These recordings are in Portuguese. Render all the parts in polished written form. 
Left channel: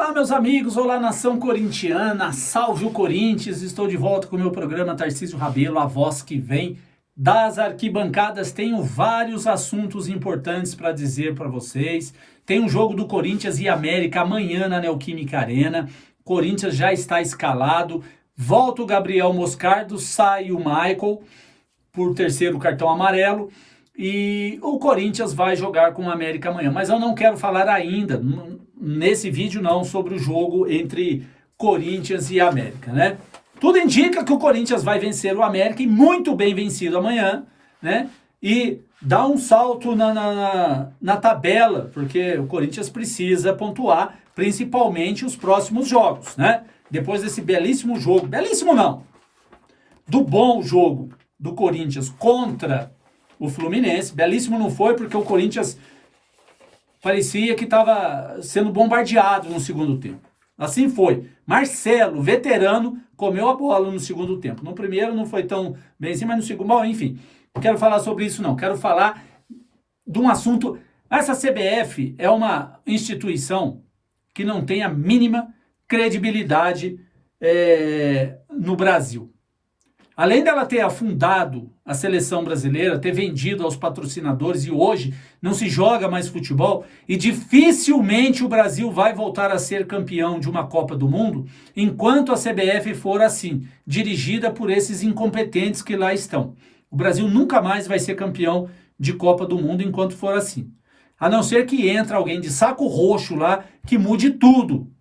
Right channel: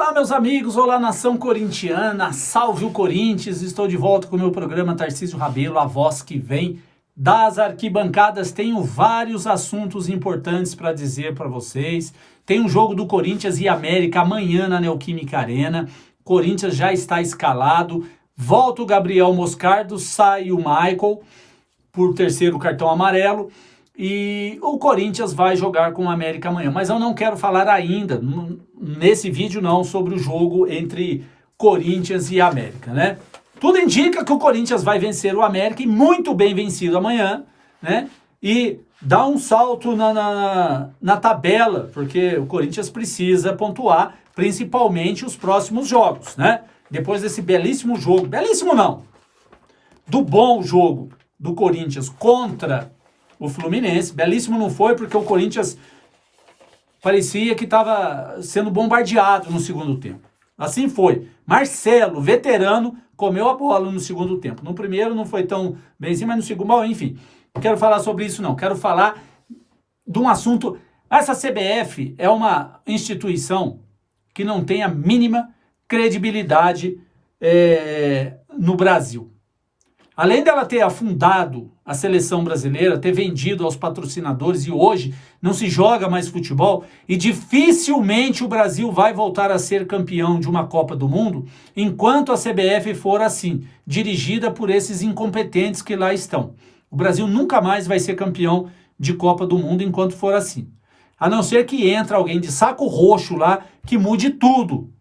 Olá, meus amigos, olá, nação corintiana, salve o Corinthians, estou de volta com o meu programa Tarcísio Rabelo, a voz que vem das arquibancadas. Tenho vários assuntos importantes para dizer para vocês. Tem um jogo do Corinthians e América amanhã na Neoquímica Arena, Corinthians já está escalado, volta o Gabriel Moscardo, sai o Michael por terceiro cartão amarelo, e o Corinthians vai jogar com o América amanhã. Mas eu não quero falar ainda, nesse vídeo não, sobre o jogo entre Corinthians e América, né? Tudo indica que o Corinthians vai vencer o América, e muito bem vencido amanhã, né? E dá um salto na tabela, porque o Corinthians precisa pontuar, principalmente os próximos jogos, né? Depois desse belíssimo jogo, belíssimo não, do bom jogo do Corinthians contra o Fluminense. Belíssimo não foi, porque o Corinthians parecia que estava sendo bombardeado no segundo tempo. Assim foi. Marcelo, veterano, comeu a bola no segundo tempo. No primeiro não foi tão benzinho, mas no segundo, bom, enfim. Não quero falar sobre isso não. Quero falar de um assunto. Essa CBF é uma instituição que não tem a mínima credibilidade no Brasil. Além dela ter afundado a seleção brasileira, ter vendido aos patrocinadores, e hoje não se joga mais futebol, e dificilmente o Brasil vai voltar a ser campeão de uma Copa do Mundo enquanto a CBF for assim, dirigida por esses incompetentes que lá estão. O Brasil nunca mais vai ser campeão de Copa do Mundo enquanto for assim. A não ser que entre alguém de saco roxo lá que mude tudo.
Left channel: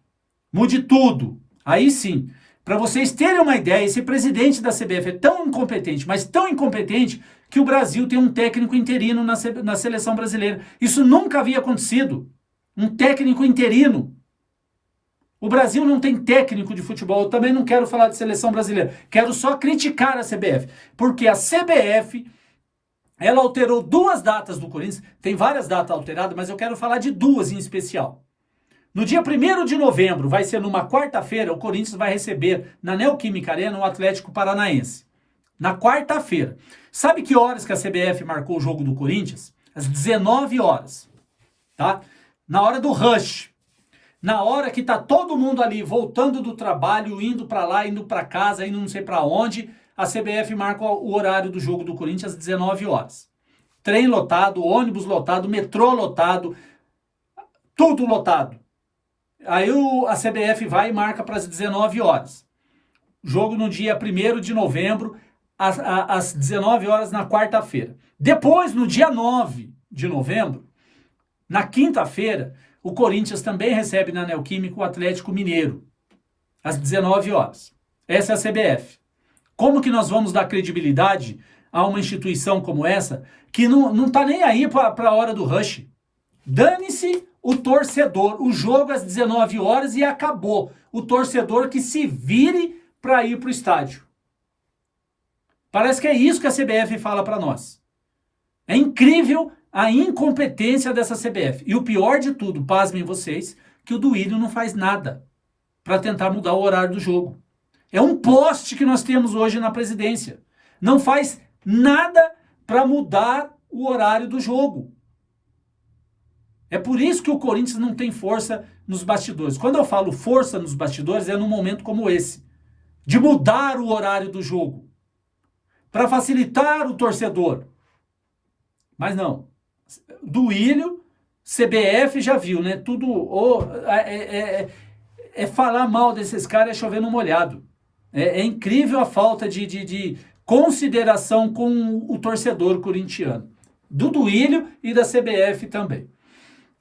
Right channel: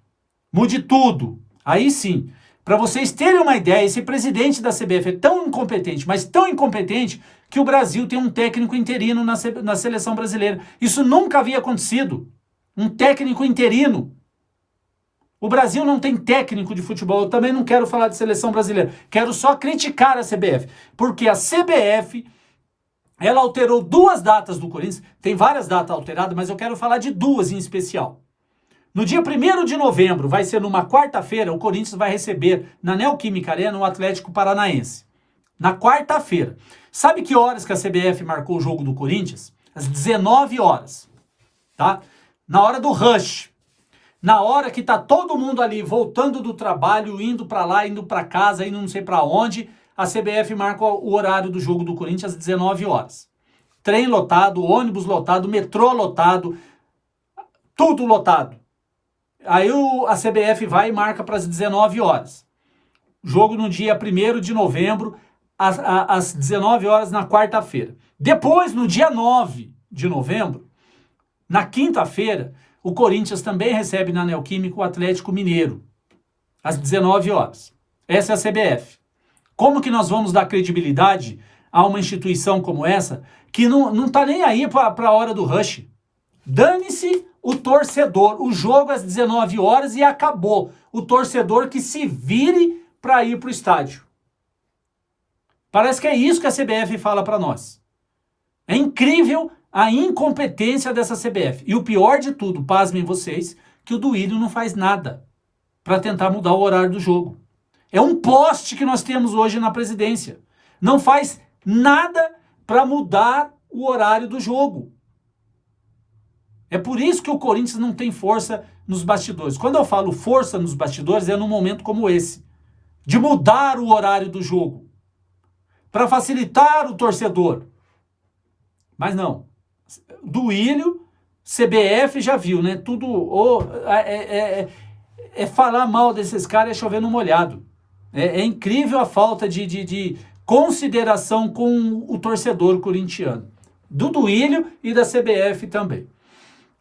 Mude tudo. Aí sim. Para vocês terem uma ideia, esse presidente da CBF é tão incompetente, mas tão incompetente, que o Brasil tem um técnico interino na seleção brasileira. Isso nunca havia acontecido. Um técnico interino. O Brasil não tem técnico de futebol. Eu também não quero falar de seleção brasileira. Quero só criticar a CBF. Porque a CBF, ela alterou duas datas do Corinthians. Tem várias datas alteradas, mas eu quero falar de duas em especial. No dia 1º de novembro, vai ser numa quarta-feira, o Corinthians vai receber na Neoquímica Arena o Atlético Paranaense. Na quarta-feira. Sabe que horas que a CBF marcou o jogo do Corinthians? Às 19 horas. Tá? Na hora do rush. Na hora que tá todo mundo ali voltando do trabalho, indo para lá, indo para casa, indo não sei para onde, a CBF marca o horário do jogo do Corinthians às 19 horas. Trem lotado, ônibus lotado, metrô lotado, tudo lotado. Aí a CBF vai e marca para as 19 horas. Jogo no dia 1º de novembro, às 19 horas na quarta-feira. Depois, no dia 9 de novembro, na quinta-feira, o Corinthians também recebe na Neoquímica o Atlético Mineiro, às 19 horas. Essa é a CBF. Como que nós vamos dar credibilidade a uma instituição como essa, que não está nem aí para a hora do rush? Dane-se o torcedor, o jogo às 19 horas e acabou. O torcedor que se vire para ir para o estádio. Parece que é isso que a CBF fala para nós. É incrível a incompetência dessa CBF. E o pior de tudo, pasmem vocês, que o Duílio não faz nada para tentar mudar o horário do jogo. É um poste que nós temos hoje na presidência. Não faz nada para mudar o horário do jogo. É por isso que o Corinthians não tem força nos bastidores. Quando eu falo força nos bastidores, é num momento como esse. De mudar o horário do jogo. Para facilitar o torcedor. Mas não. Duílio, CBF já viu, né? Tudo... É falar mal desses caras, é chover no molhado. É incrível a falta de consideração com o torcedor corintiano. Do Duílio e da CBF também.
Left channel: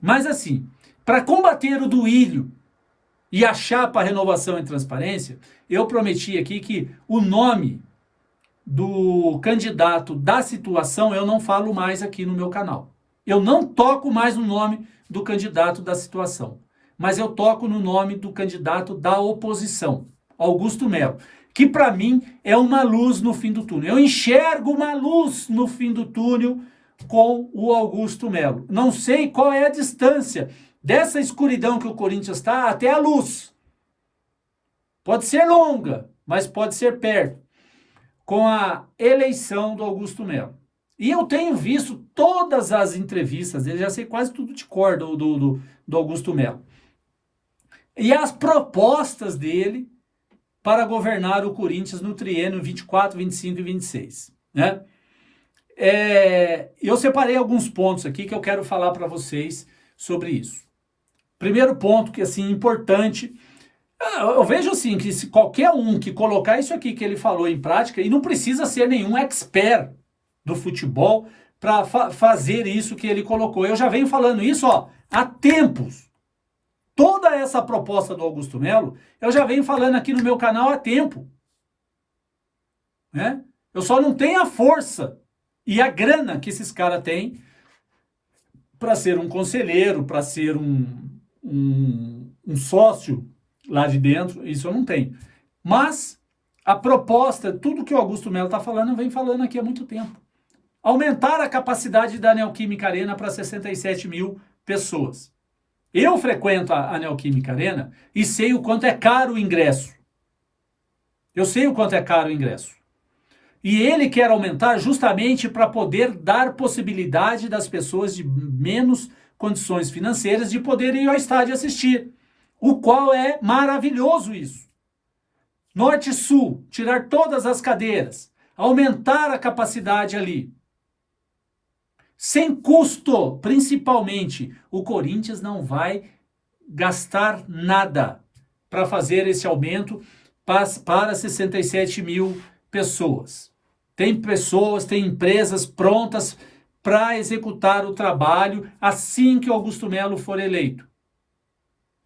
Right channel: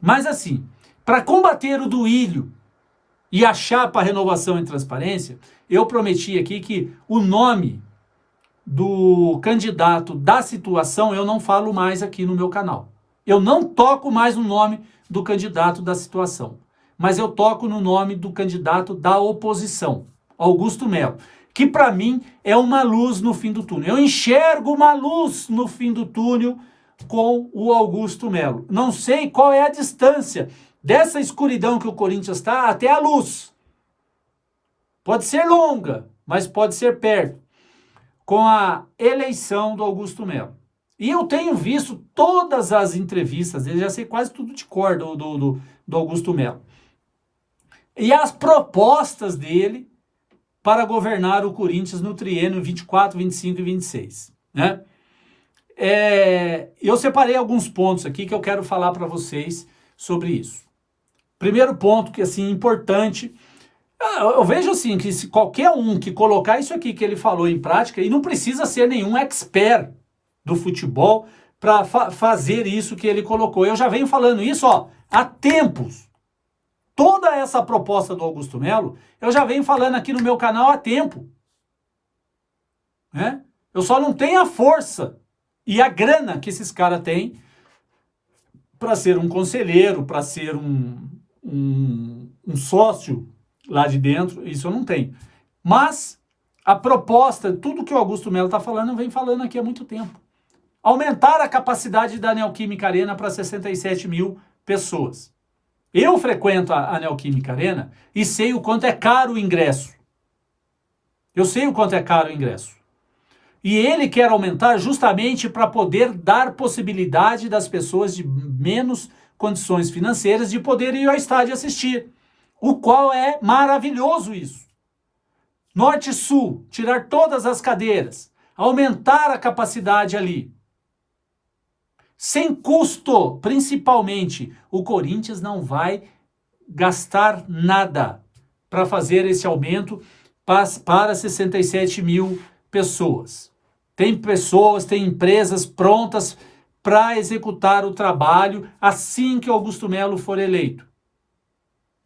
Mas assim, para combater o Duílio e a chapa Renovação e Transparência, eu prometi aqui que o nome do candidato da situação eu não falo mais aqui no meu canal. Eu não toco mais no nome do candidato da situação, mas eu toco no nome do candidato da oposição, Augusto Melo, que para mim é uma luz no fim do túnel. Eu enxergo uma luz no fim do túnel com o Augusto Melo. Não sei qual é a distância dessa escuridão que o Corinthians está até a luz. Pode ser longa, mas pode ser perto. Com a eleição do Augusto Melo. E eu tenho visto todas as entrevistas dele, já sei quase tudo de cor do Augusto Melo. e as propostas dele para governar o Corinthians no triênio 24, 25 e 26, né? Eu separei alguns pontos aqui que eu quero falar para vocês sobre isso. Primeiro ponto, que assim, importante, eu vejo assim, que se qualquer um que colocar isso aqui que ele falou em prática, e não precisa ser nenhum expert do futebol para fazer isso que ele colocou. Eu já venho falando isso, há tempos. Toda essa proposta do Augusto Melo, eu já venho falando aqui no meu canal há tempo, né? Eu só não tenho a força e a grana que esses caras têm para ser um conselheiro, para ser um sócio lá de dentro, isso eu não tenho. Mas a proposta, tudo que o Augusto Melo está falando, eu venho falando aqui há muito tempo. Aumentar a capacidade da Neoquímica Arena para 67 mil pessoas. Eu frequento a Neoquímica Arena e sei o quanto é caro o ingresso. Eu sei o quanto é caro o ingresso. E ele quer aumentar justamente para poder dar possibilidade das pessoas de menos condições financeiras de poder ir ao estádio assistir. O qual é maravilhoso isso. Norte e Sul, tirar todas as cadeiras, aumentar a capacidade ali. Sem custo, principalmente. O Corinthians não vai gastar nada para fazer esse aumento para 67 mil pessoas. Tem pessoas, tem empresas prontas para executar o trabalho assim que o Augusto Melo for eleito.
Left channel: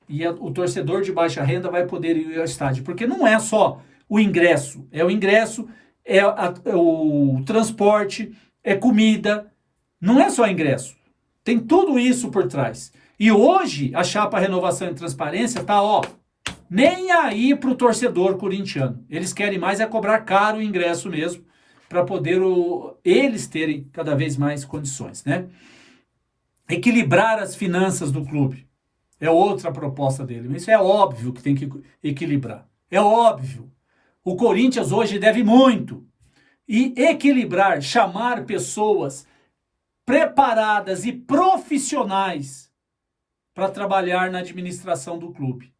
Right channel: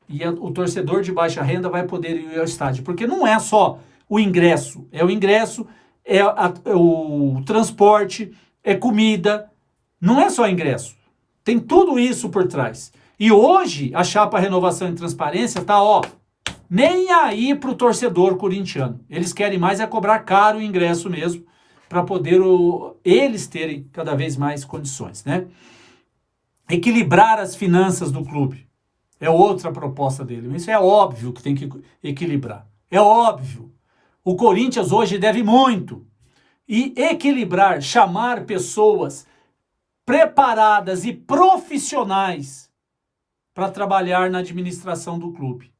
E o torcedor de baixa renda vai poder ir ao estádio, porque não é só o ingresso, é o transporte, é comida, não é só ingresso. Tem tudo isso por trás. E hoje a chapa Renovação e Transparência está, nem aí para o torcedor corintiano. Eles querem mais é cobrar caro o ingresso mesmo, para poder eles terem cada vez mais condições, né? Equilibrar as finanças do clube. É outra proposta dele. Isso é óbvio que tem que equilibrar. É óbvio. O Corinthians hoje deve muito. E equilibrar, chamar pessoas preparadas e profissionais para trabalhar na administração do clube.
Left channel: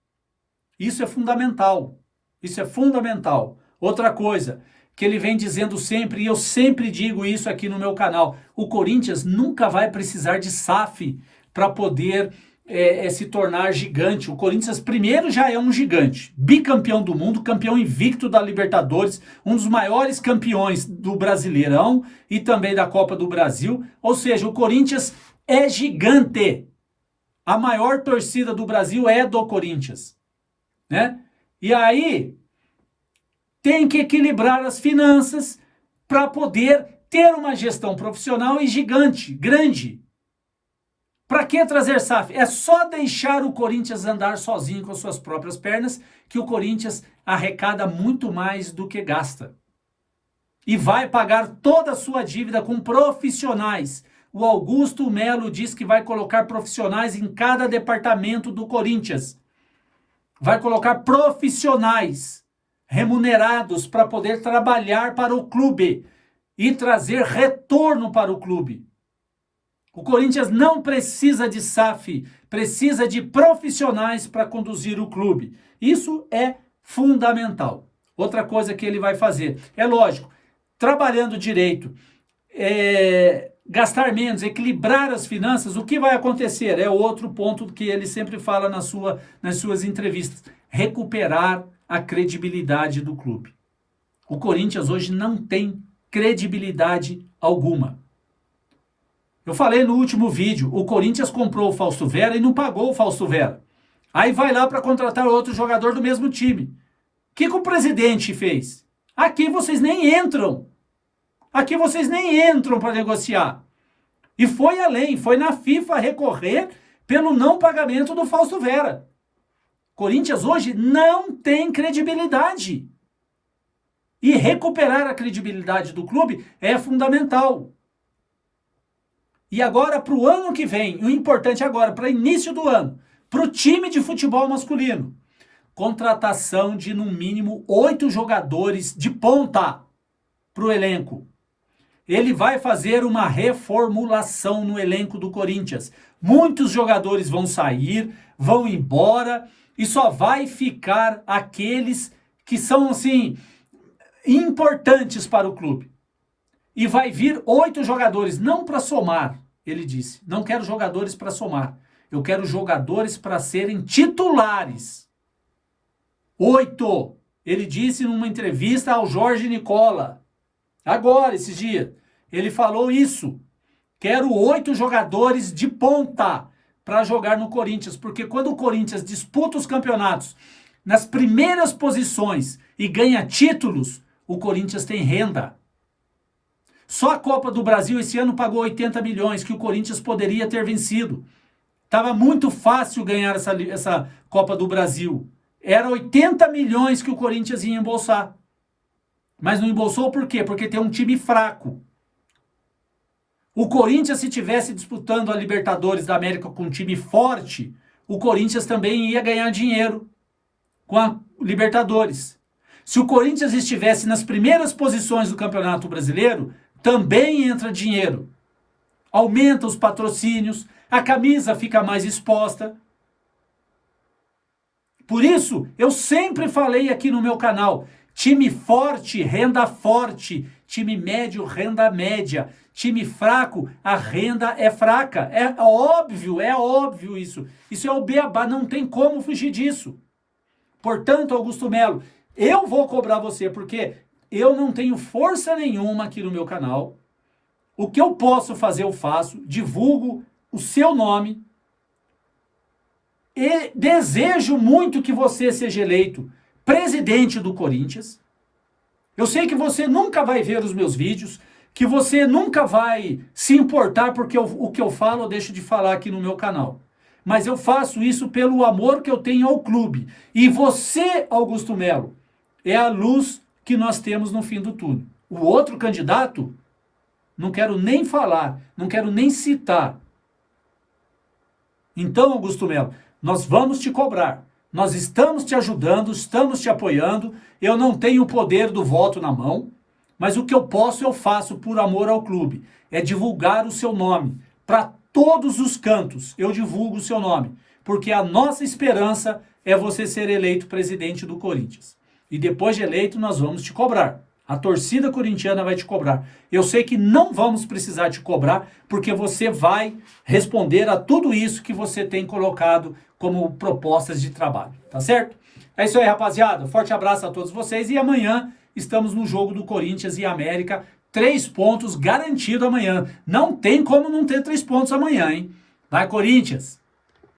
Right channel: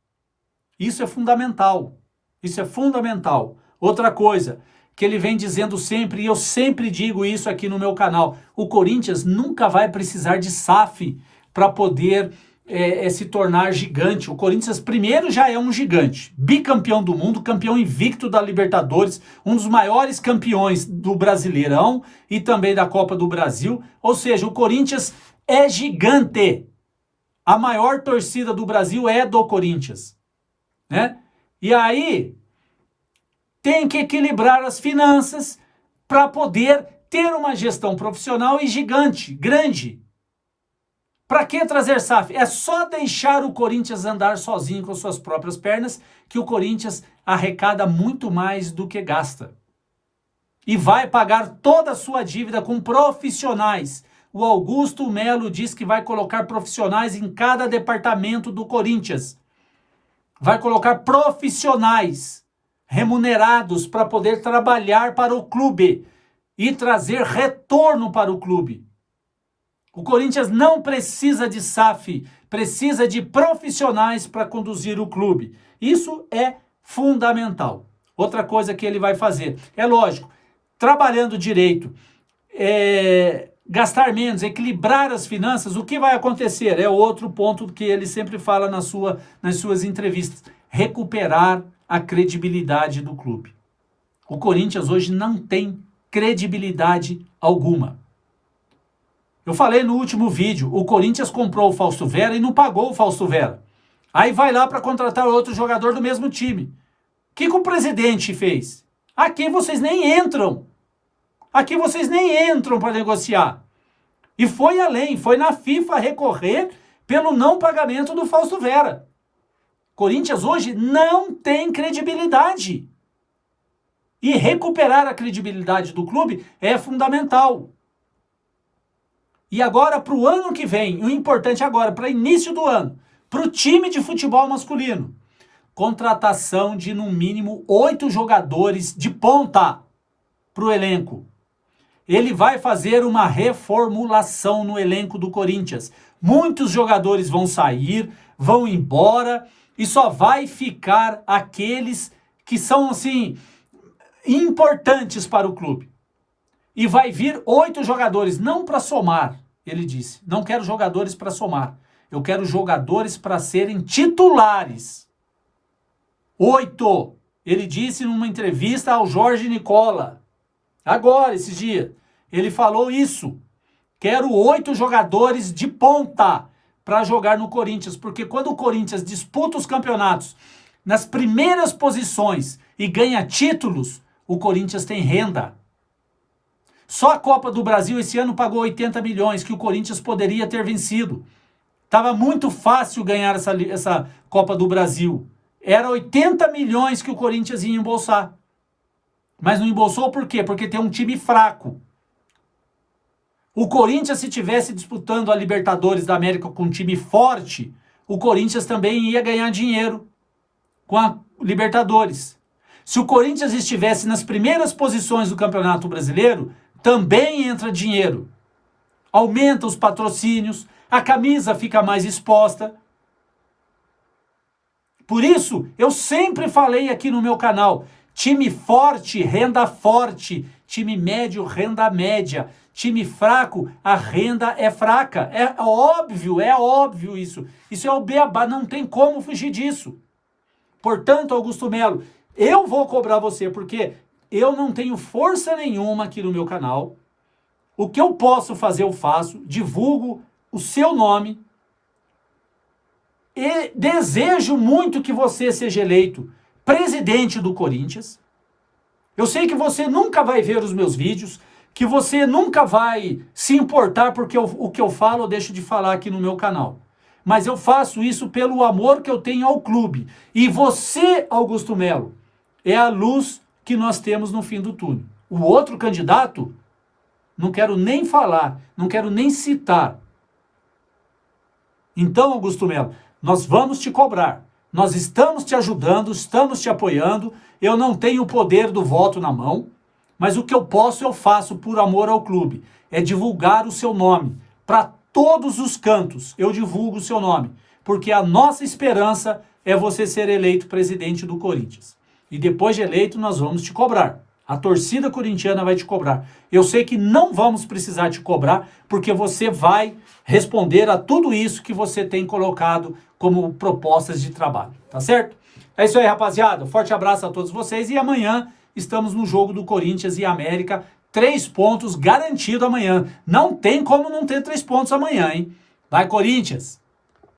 Isso é fundamental. Isso é fundamental. Outra coisa que ele vem dizendo sempre, e eu sempre digo isso aqui no meu canal, o Corinthians nunca vai precisar de SAF para poder se tornar gigante. O Corinthians primeiro já é um gigante, bicampeão do mundo, campeão invicto da Libertadores, um dos maiores campeões do Brasileirão e também da Copa do Brasil. Ou seja, o Corinthians é gigante. A maior torcida do Brasil é do Corinthians, né? E aí tem que equilibrar as finanças para poder ter uma gestão profissional e gigante, grande. Para que trazer SAF? É só deixar o Corinthians andar sozinho com suas próprias pernas que o Corinthians arrecada muito mais do que gasta. E vai pagar toda a sua dívida com profissionais. O Augusto Melo diz que vai colocar profissionais em cada departamento do Corinthians. Vai colocar profissionais remunerados para poder trabalhar para o clube e trazer retorno para o clube. O Corinthians não precisa de SAF, precisa de profissionais para conduzir o clube. Isso é fundamental. Outra coisa que ele vai fazer, é lógico, trabalhando direito, gastar menos, equilibrar as finanças, o que vai acontecer? É outro ponto que ele sempre fala nas suas entrevistas. Recuperar a credibilidade do clube. O Corinthians hoje não tem credibilidade alguma. Eu falei no último vídeo, o Corinthians comprou o Fausto Vera e não pagou o Fausto Vera. Aí vai lá para contratar outro jogador do mesmo time. O que o presidente fez? Aqui vocês nem entram. Aqui vocês nem entram para negociar. E foi além, foi na FIFA recorrer pelo não pagamento do Fausto Vera. Corinthians hoje não tem credibilidade. E recuperar a credibilidade do clube é fundamental. E agora, para o ano que vem, o importante agora, para início do ano, para o time de futebol masculino, contratação de no mínimo 8 jogadores de ponta para o elenco. Ele vai fazer uma reformulação no elenco do Corinthians. Muitos jogadores vão sair, vão embora e só vai ficar aqueles que são, assim, importantes para o clube. E vai vir 8 jogadores, não para somar, ele disse. Não quero jogadores para somar. Eu quero jogadores para serem titulares. 8. Ele disse numa entrevista ao Jorge Nicola. Agora, esses dias. Ele falou isso. Quero 8 jogadores de ponta para jogar no Corinthians. Porque quando o Corinthians disputa os campeonatos nas primeiras posições e ganha títulos, o Corinthians tem renda. Só a Copa do Brasil esse ano pagou 80 milhões que o Corinthians poderia ter vencido. Estava muito fácil ganhar essa Copa do Brasil. Era 80 milhões que o Corinthians ia embolsar. Mas não embolsou por quê? Porque tem um time fraco. O Corinthians, se tivesse disputando a Libertadores da América com um time forte, o Corinthians também ia ganhar dinheiro com a Libertadores. Se o Corinthians estivesse nas primeiras posições do Campeonato Brasileiro, também entra dinheiro. Aumenta os patrocínios, a camisa fica mais exposta. Por isso, eu sempre falei aqui no meu canal, time forte, renda forte, time médio, renda média, time fraco, a renda é fraca. É óbvio isso. Isso é o beabá, não tem como fugir disso. Portanto, Augusto Melo, eu vou cobrar você, porque eu não tenho força nenhuma aqui no meu canal. O que eu posso fazer, eu faço, divulgo o seu nome e desejo muito que você seja eleito presidente do Corinthians. Eu sei que você nunca vai ver os meus vídeos, que você nunca vai se importar porque o que eu falo eu deixo de falar aqui no meu canal. Mas eu faço isso pelo amor que eu tenho ao clube. E você, Augusto Melo, é a luz que nós temos no fim do túnel. O outro candidato, não quero nem falar, não quero nem citar. Então, Augusto Melo, nós vamos te cobrar. Nós estamos te ajudando, estamos te apoiando. Eu não tenho o poder do voto na mão, mas o que eu posso, eu faço por amor ao clube. É divulgar o seu nome. Para todos os cantos, eu divulgo o seu nome. Porque a nossa esperança é você ser eleito presidente do Corinthians. E depois de eleito, nós vamos te cobrar. A torcida corintiana vai te cobrar. Eu sei que não vamos precisar te cobrar, porque você vai responder a tudo isso que você tem colocado como propostas de trabalho, tá certo? É isso aí, rapaziada. Forte abraço a todos vocês e amanhã estamos no jogo do Corinthians e América. 3 pontos garantido amanhã. Não tem como não ter 3 pontos amanhã, hein? Vai, Corinthians!